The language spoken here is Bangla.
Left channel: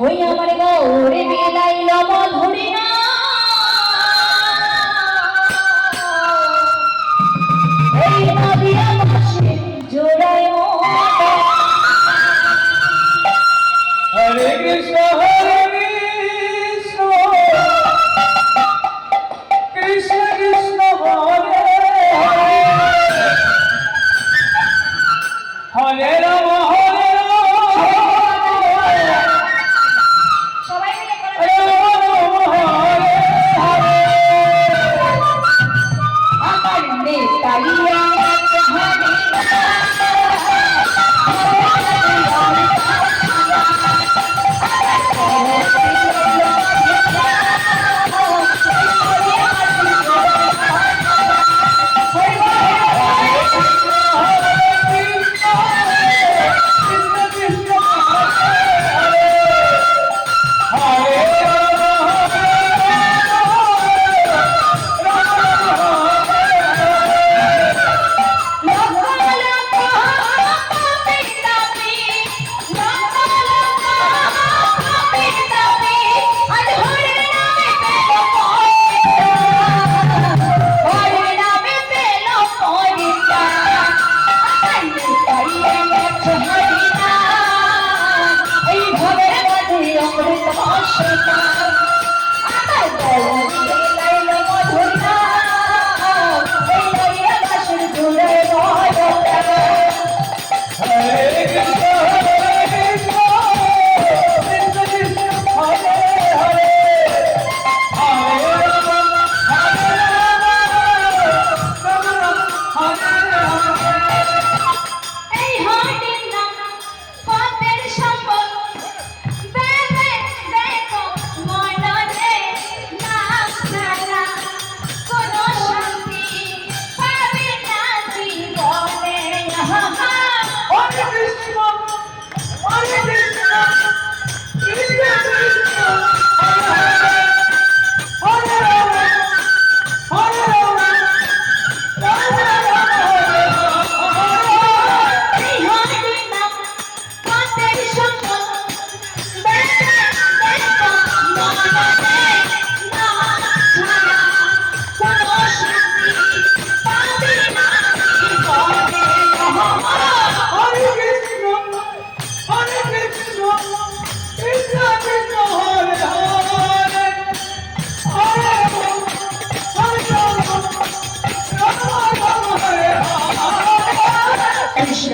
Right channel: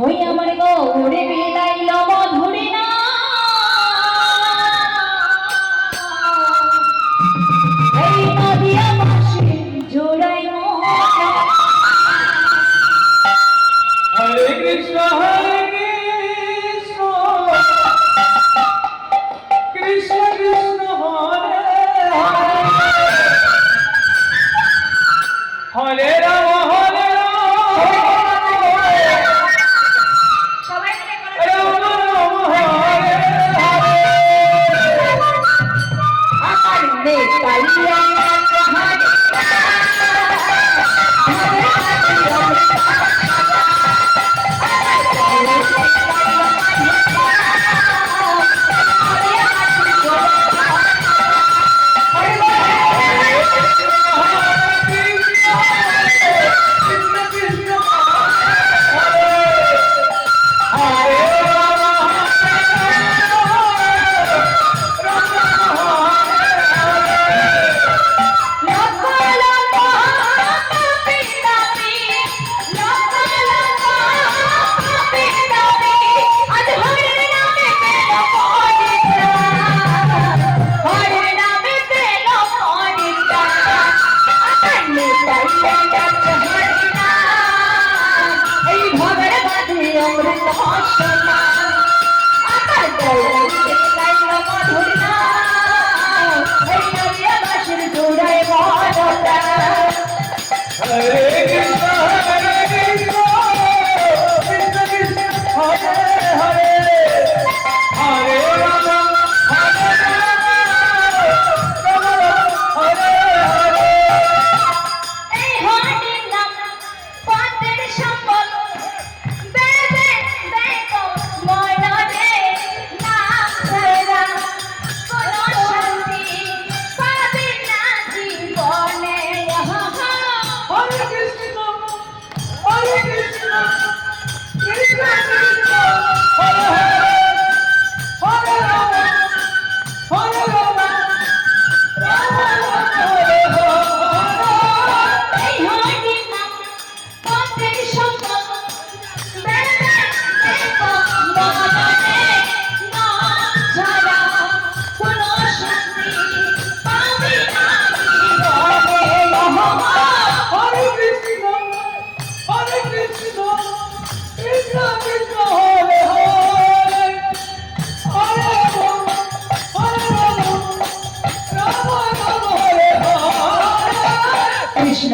ওই আমার গৌরে বিলাইল মধুরী না এই নদীর পাশে জোড়ায় মোটা হরে কৃষ্ণ কৃষ্ণ কৃষ্ণ হরে হরে রাম হরে সবাই মিলে করে রাম হরে হরে আমার নেতালিয়া এই ভবের মাঝে অমৃত মশলা আমার গৌরে লাইল মধুরী না এই নদীর পাশের জোড়ায় মোটা হরে কৃষ্ণ কৃষ্ণ কৃষ্ণ হরে হরে হরে রাম হরে রাম হরে হরে এই হরির নাম পথের সম্বল বেদে দেখো মনরে না ছাড়া কোনো শান্তি পাবে না জীবনে হরে কৃষ্ণ কৃষ্ণ কৃষ্ণ হরে হরে রাম হরে রাম রাম রাম হরে হরে এই হরির নাম পথের সম্বল বেদে দেখো মনরে না ছাড়া কোনো শান্তি পাবে না জীবনে হরে কৃষ্ণ কৃষ্ণ কৃষ্ণ কৃষ্ণ হরে হরে হরে রাম রাম রাম হরে হরে কৃষ্ণ